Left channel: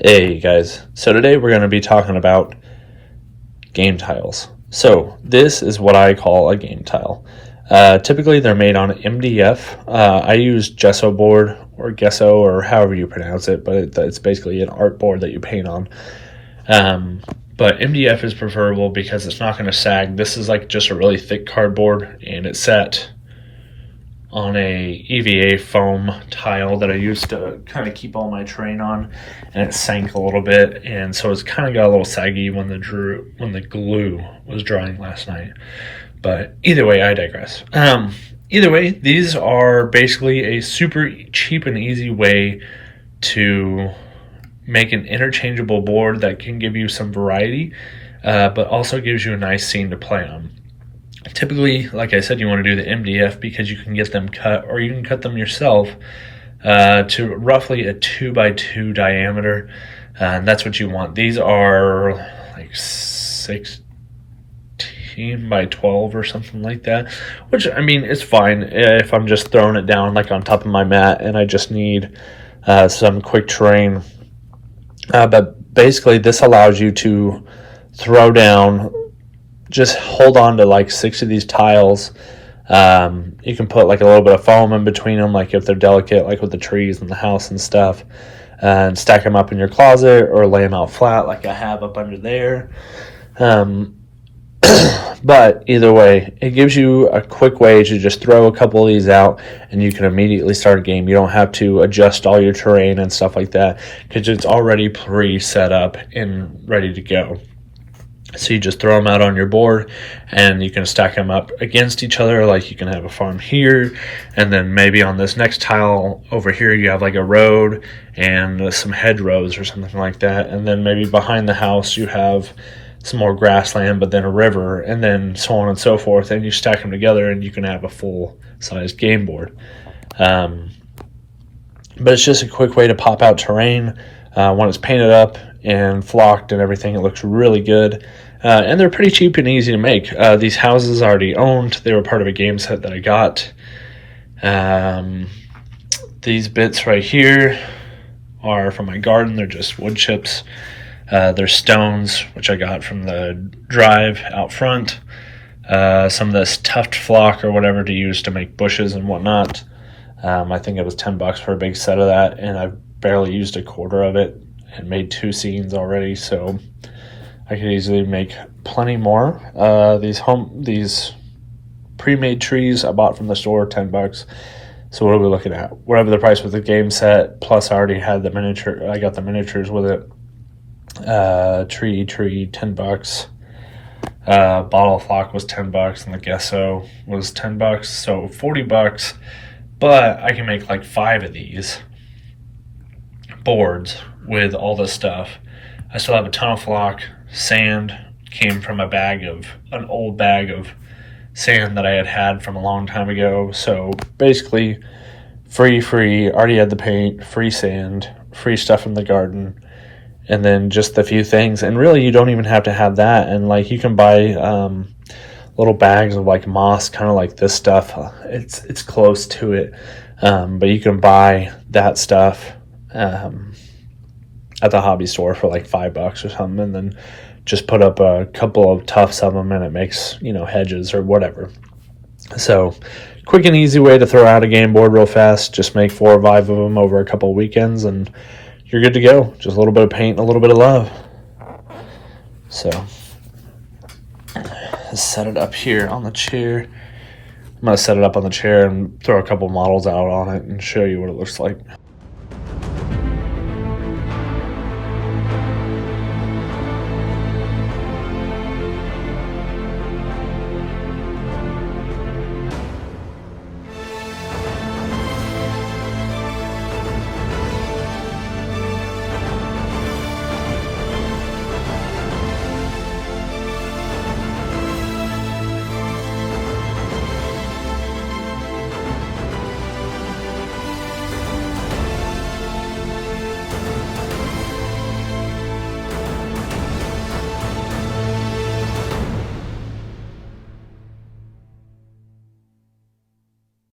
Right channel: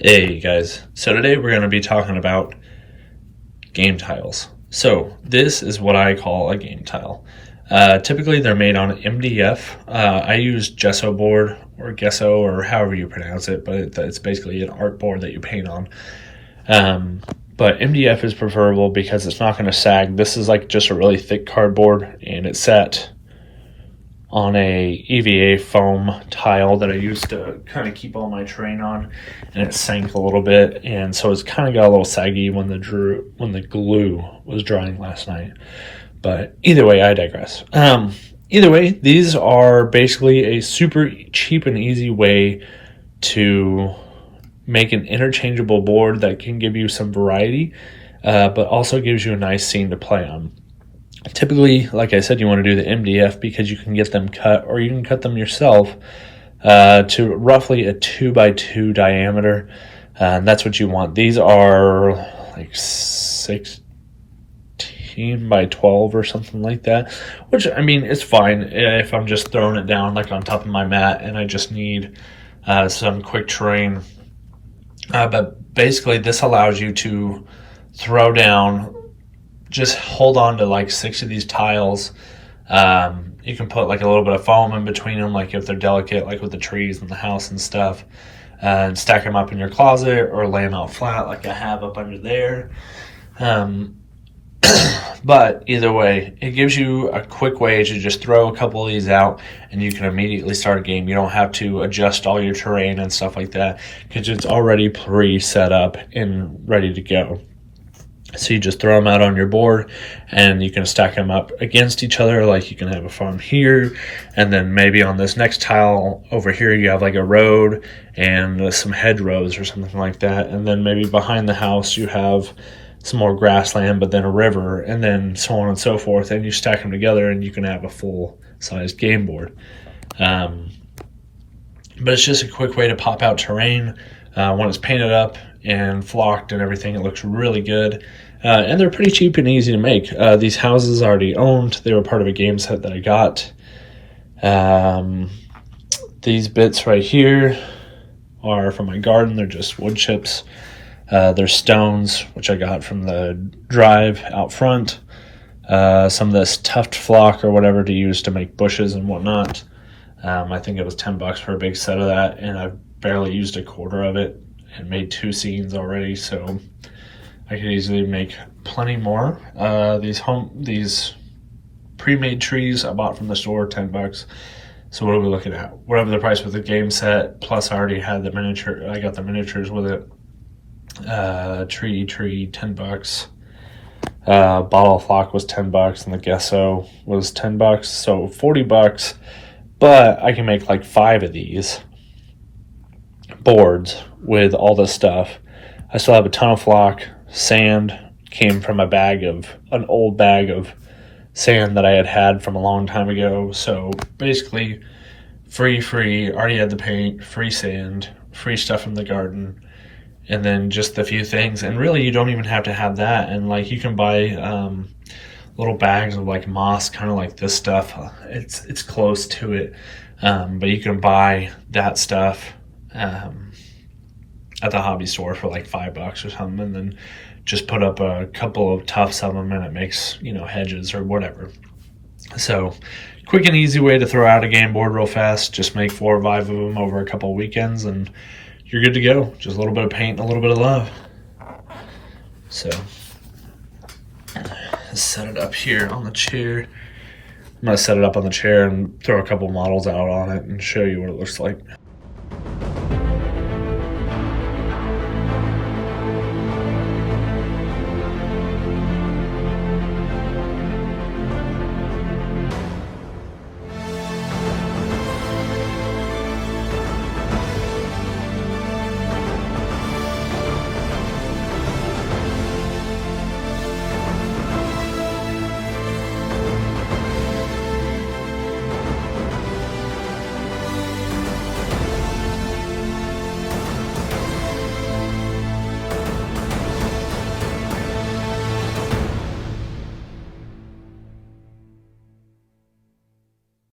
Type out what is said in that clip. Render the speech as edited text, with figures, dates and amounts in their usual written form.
Hey guys, so today we're going to be talking about game tiles. So this is what I call a game tile. Typically they're made on MDF. I use gesso board or gesso or however you pronounce it, but it's basically an art board that you paint on. But MDF is preferable because it's not going to sag. This is like just a really thick cardboard, and it's set on a EVA foam tile that I used to kind of keep all my terrain on, and it sank a little bit, and so it's kind of got a little saggy when the glue was drying last night. But either way, I digress. Either way, these are basically a super cheap and easy way to make an interchangeable board that can give you some variety, but also gives you a nice scene to play on. Typically, like I said, you want to do the MDF because you can get them cut, or you can cut them yourself to roughly a 2x2 diameter. And that's what you want. These are like 16 by 12 or something like that, which, I mean, it's fine if I'm just throwing it down like on top of my mat and I just need some quick terrain. But basically, this allows you to throw down, just hold on to like 6 of these tiles. You can put like a little bit of foam in between them, like if they're delicate, like with the trees and the house and stuff, and stack them up in your closet or lay them out flat like I have up under there. But either way, it gives you a quick way to just throw a couple of these out and you can immediately start a game. You don't have to adjust all your terrain and stuff like that because it's already pre-set up and ready to go. So you just throw them out on your board and you can stack them up against each other. Like you can have a farm here, and then maybe on this next tile over here you have like a road and some hedgerows or something like that. And then maybe behind the house you have some more grassland, but then a river, and then so on and so forth. And you stack them together and you can have a full-sized game board. But it's just a quick way to pop out terrain. When it's painted up and flocked and everything, it looks really good. And they're pretty cheap and easy to make. These houses are already owned. They were part of a game set that I got. These bits right here are from my garden. They're just wood chips. They're stones, which I got from the drive out front. Some of this tuft flock or whatever to use to make bushes and whatnot. I think it was $10 for a big set of that, and I've barely used a quarter of it and made 2 scenes already, so I could easily make plenty more. These pre-made trees I bought from the store, $10. So what are we looking at? Whatever the price with the game set, plus I already had the miniature. I got the miniatures with it. Tree, $10. Bottle flock was $10, and the gesso was $10. So $40. But I can make like 5 of these boards with all this stuff. I still have a ton of flock. Sand came from an old bag of sand that I had from a long time ago. So basically free, already had the paint, free sand, free stuff from the garden, and then just a few things. And really you don't even have to have that. And like you can buy little bags of like moss, kind of like this stuff. It's close to it, but you can buy that stuff at the hobby store for like $5 or something, and then just put up a couple of tufts of them and it makes, hedges or whatever. So quick and easy way to throw out a game board real fast. Just make 4 or 5 of them over a couple of weekends and you're good to go. Just a little bit of paint and a little bit of love. So set it up here on the chair. I'm going to set it up on the chair and throw a couple models out on it and show you what it looks like.